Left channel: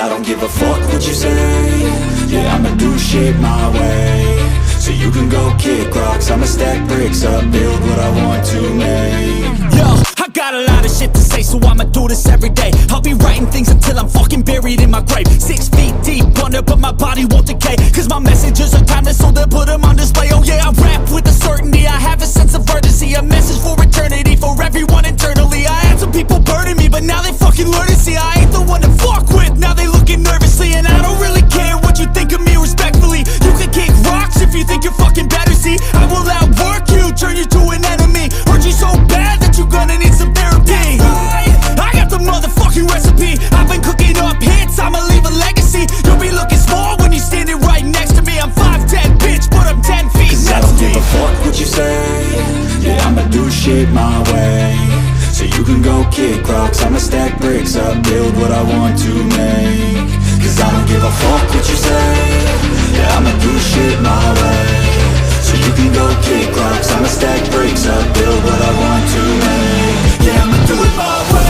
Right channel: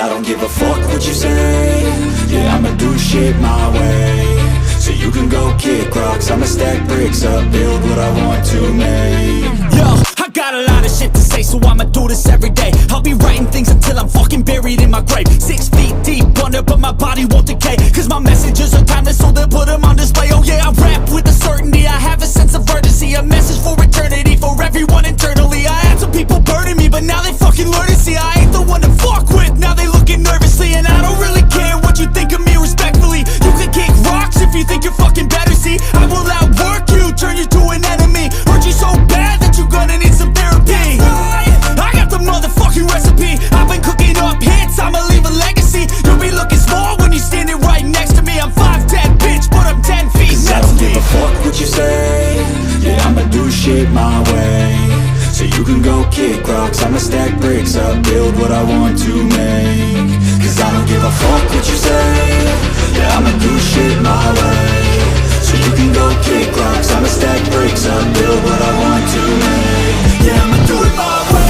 I don't give a fuck what you say. Yeah, I'ma do shit my way. So you can go kick rocks, I'ma stack bricks up, build what I want to make. Yo, I got a lot of shit to say, so I'ma do this every day. I'll be writing things until I'm fucking buried in my grave. 6 feet deep under, but my body won't decay. Cause my messages are timeless, so they'll put them on display. Oh yeah, I rap with a certainty, I have a sense of urgency. A message for eternity, for everyone internally. I had some people burning me, but now they fucking learn to see I ain't the one to fuck with, now they looking nervously. And I don't really care what you think of me, respectfully. You can kick rocks if you think you're fucking better, see. I will outwork you, turn you to an enemy. Hurt you so bad that you're gonna need some therapy. I got the motherfucking recipe, I've been cooking up hits, I'ma leave a legacy. You'll be looking small when you're standing right next to me. I'm 5'10", bitch, but I'm 10 feet Cause I don't give a fuck what you say. Yeah, I'ma do shit my way. So you can go kick rocks, I'ma stack bricks up, build what I want to make. Cause I don't give a fuck what you say. Yeah, I'ma do shit my way. So you can go kick rocks, I'ma stack bricks up, build what I want to make. Yeah, I'ma do it my way.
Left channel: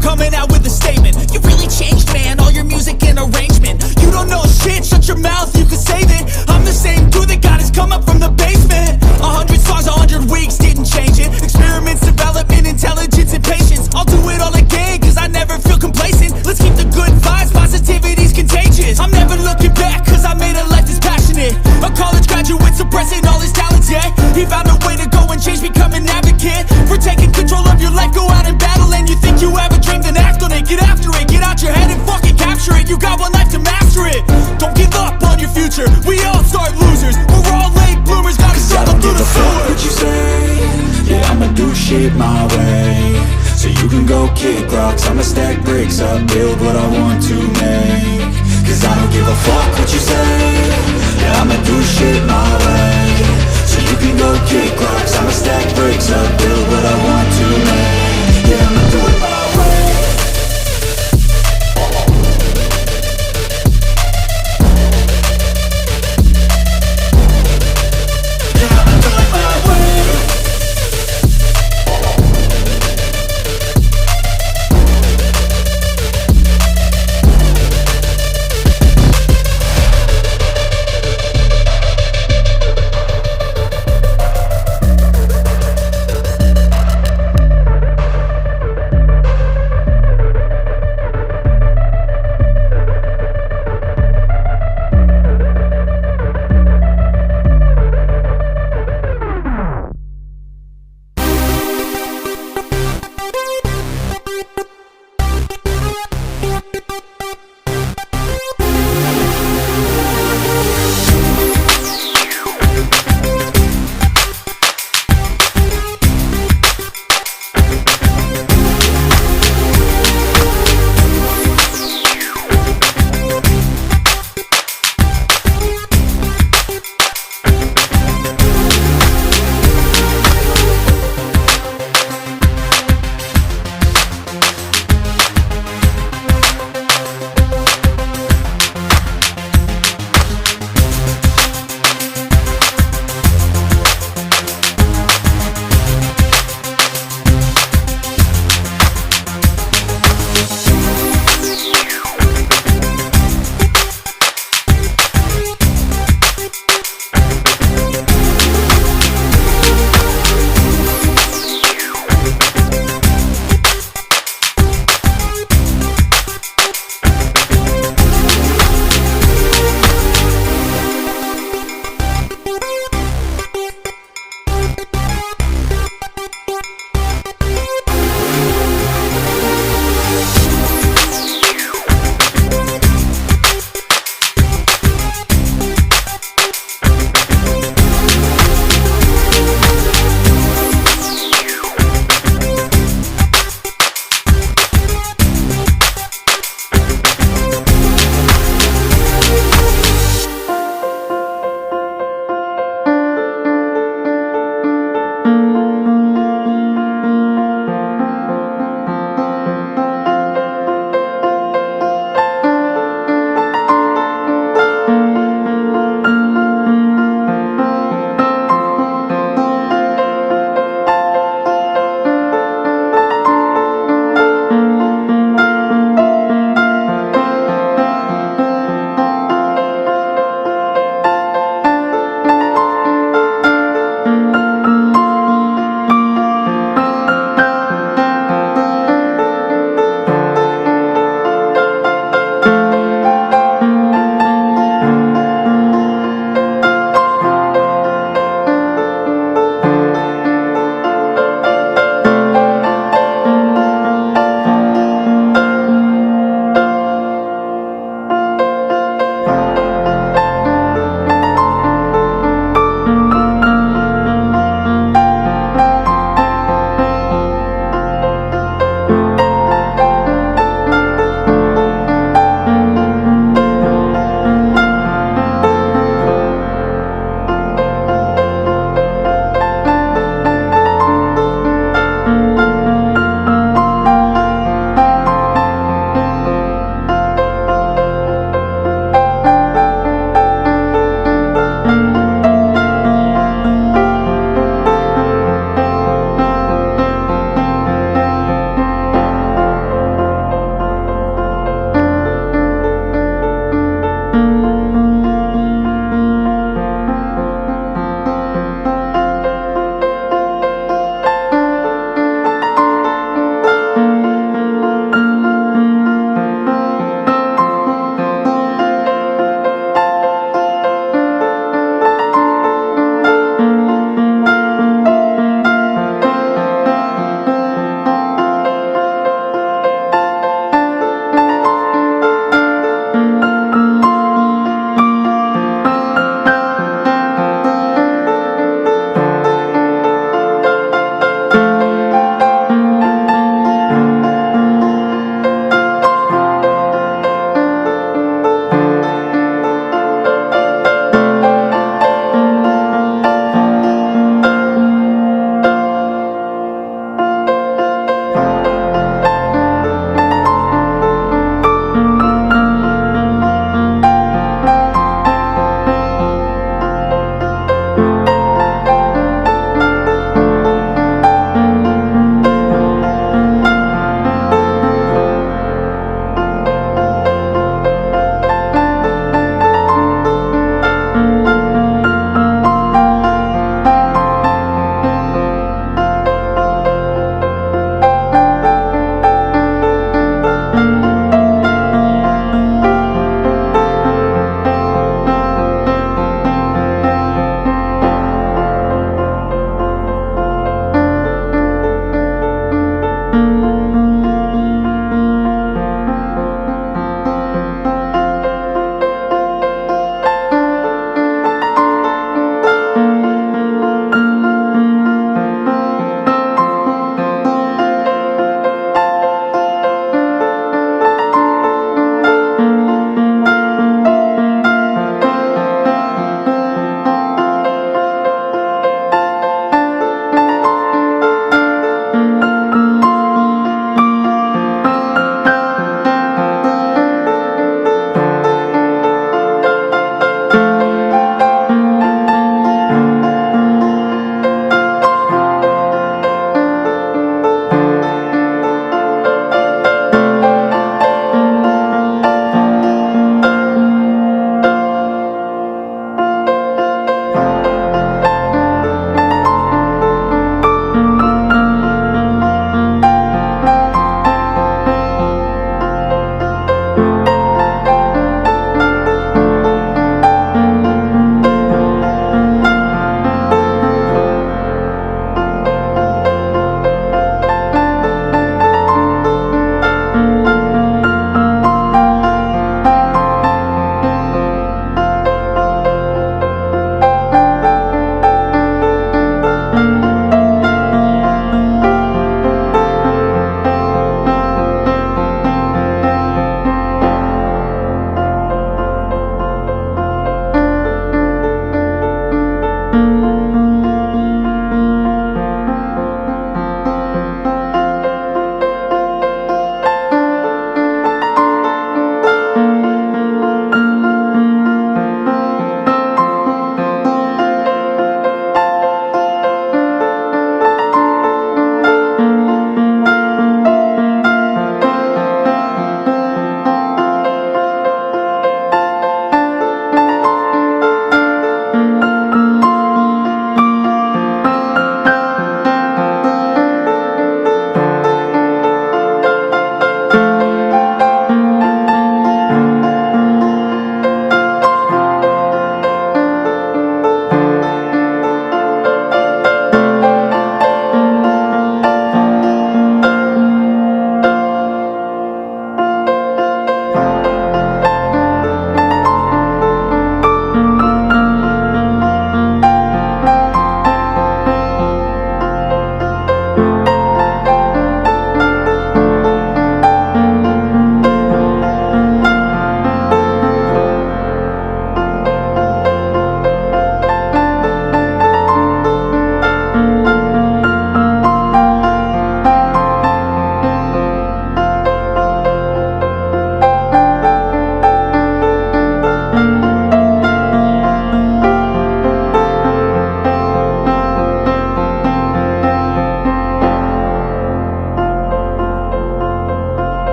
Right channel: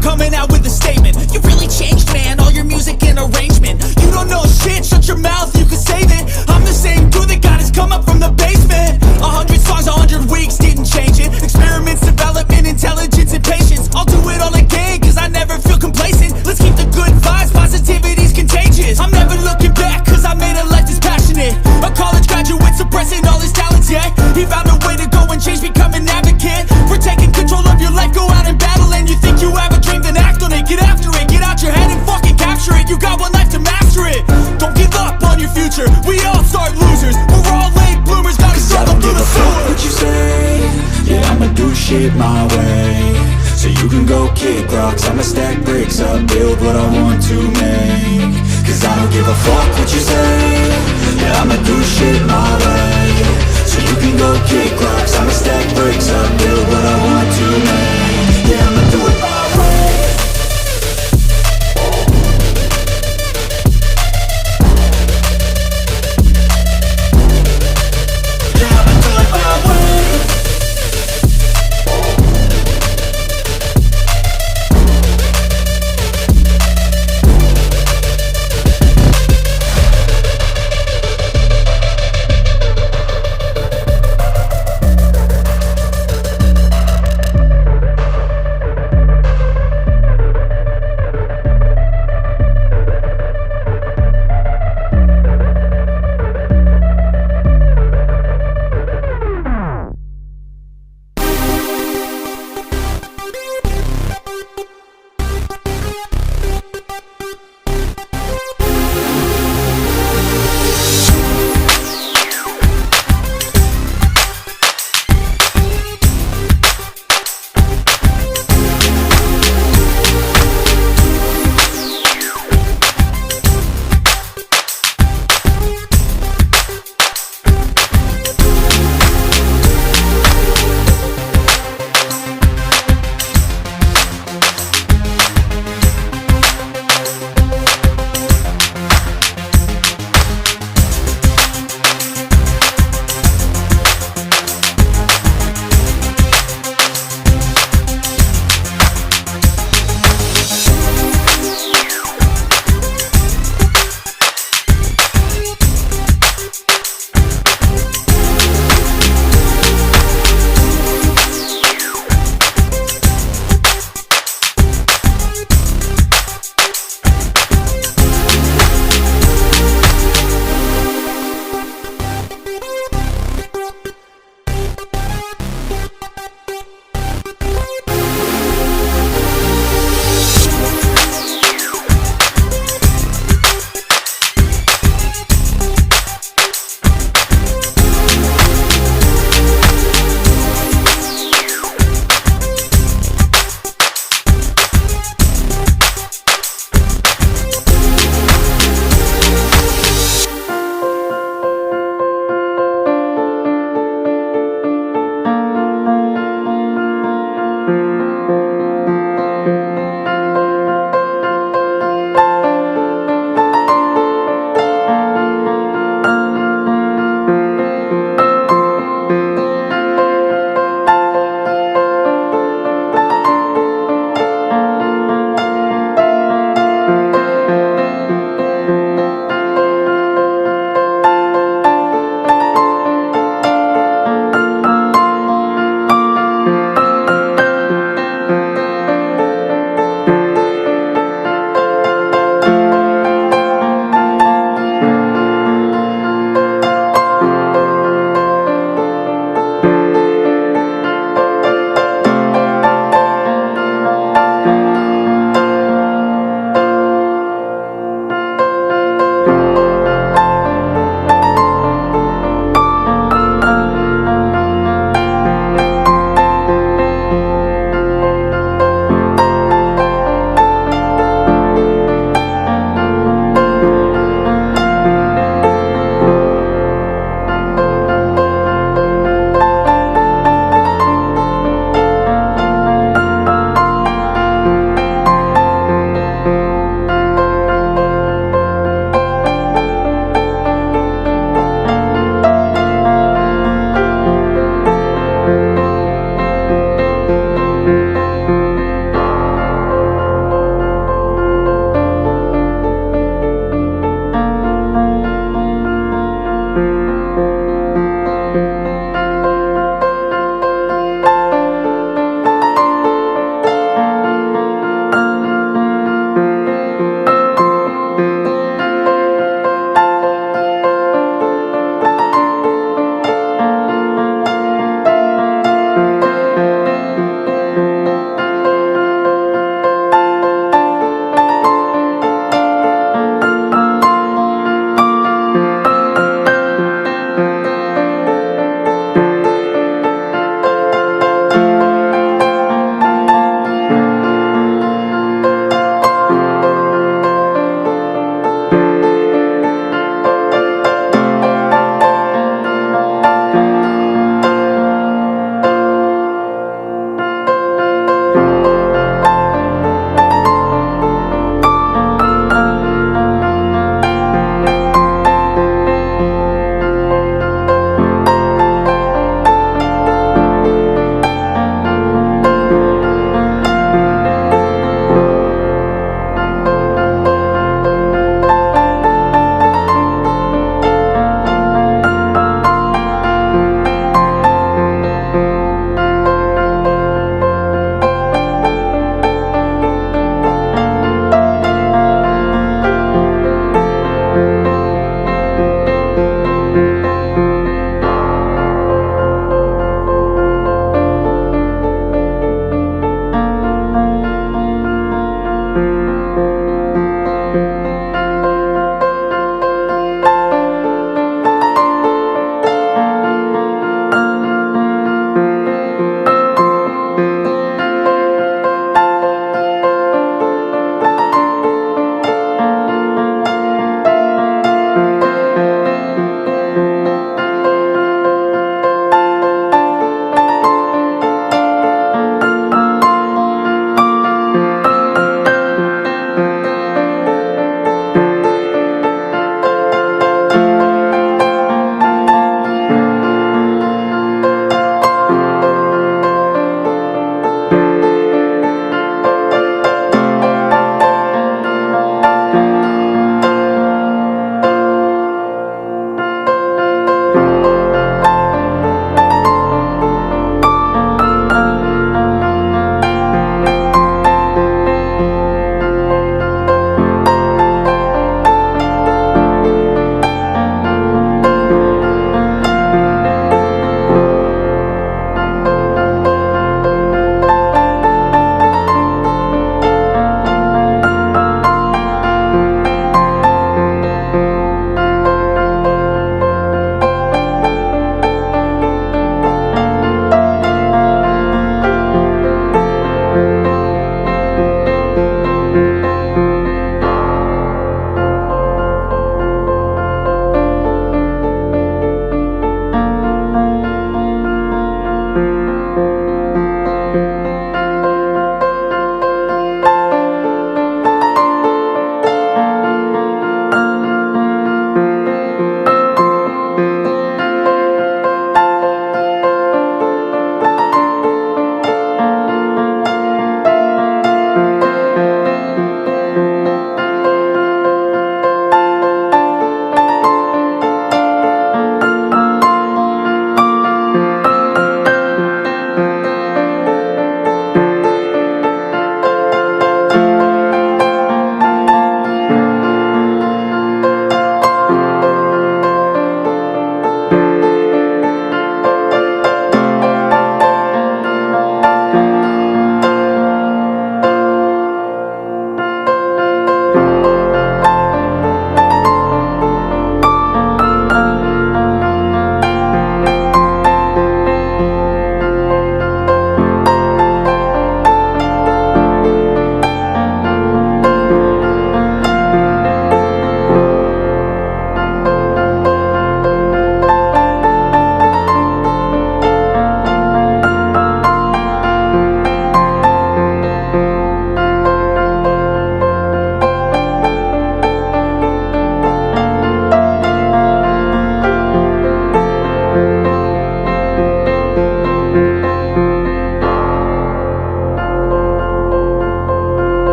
Coming out with a statement. You really changed, man, all your music and arrangement. You don't know shit, shut your mouth, you can save it. I'm the same dude that got his come up from the basement. 100 songs, 100 weeks, didn't change it. Experiments, development, intelligence, and patience. I'll do it all again, cause I never feel complacent. Let's keep the good vibes, positivity's contagious. I'm never looking back, cause I made a life that's passionate. A college graduate suppressing all his talents, yeah. He found a way to go and change, become an advocate. For taking control of your life, go out and battle. And you think you have a dream, then act on it. Get after it, get out your head and fucking capture it. You got one life to master it. Don't give up on your future, we all start losers. We're all late bloomers, gotta struggle through the sewer. What you say? Yeah, I'ma do shit my way. So you can go kick rocks, I'ma stack bricks up, build what I want to make. Cause I don't give a fuck what you say. Yeah, I'ma do shit my way. So you can go kick rocks, I'ma stack bricks up,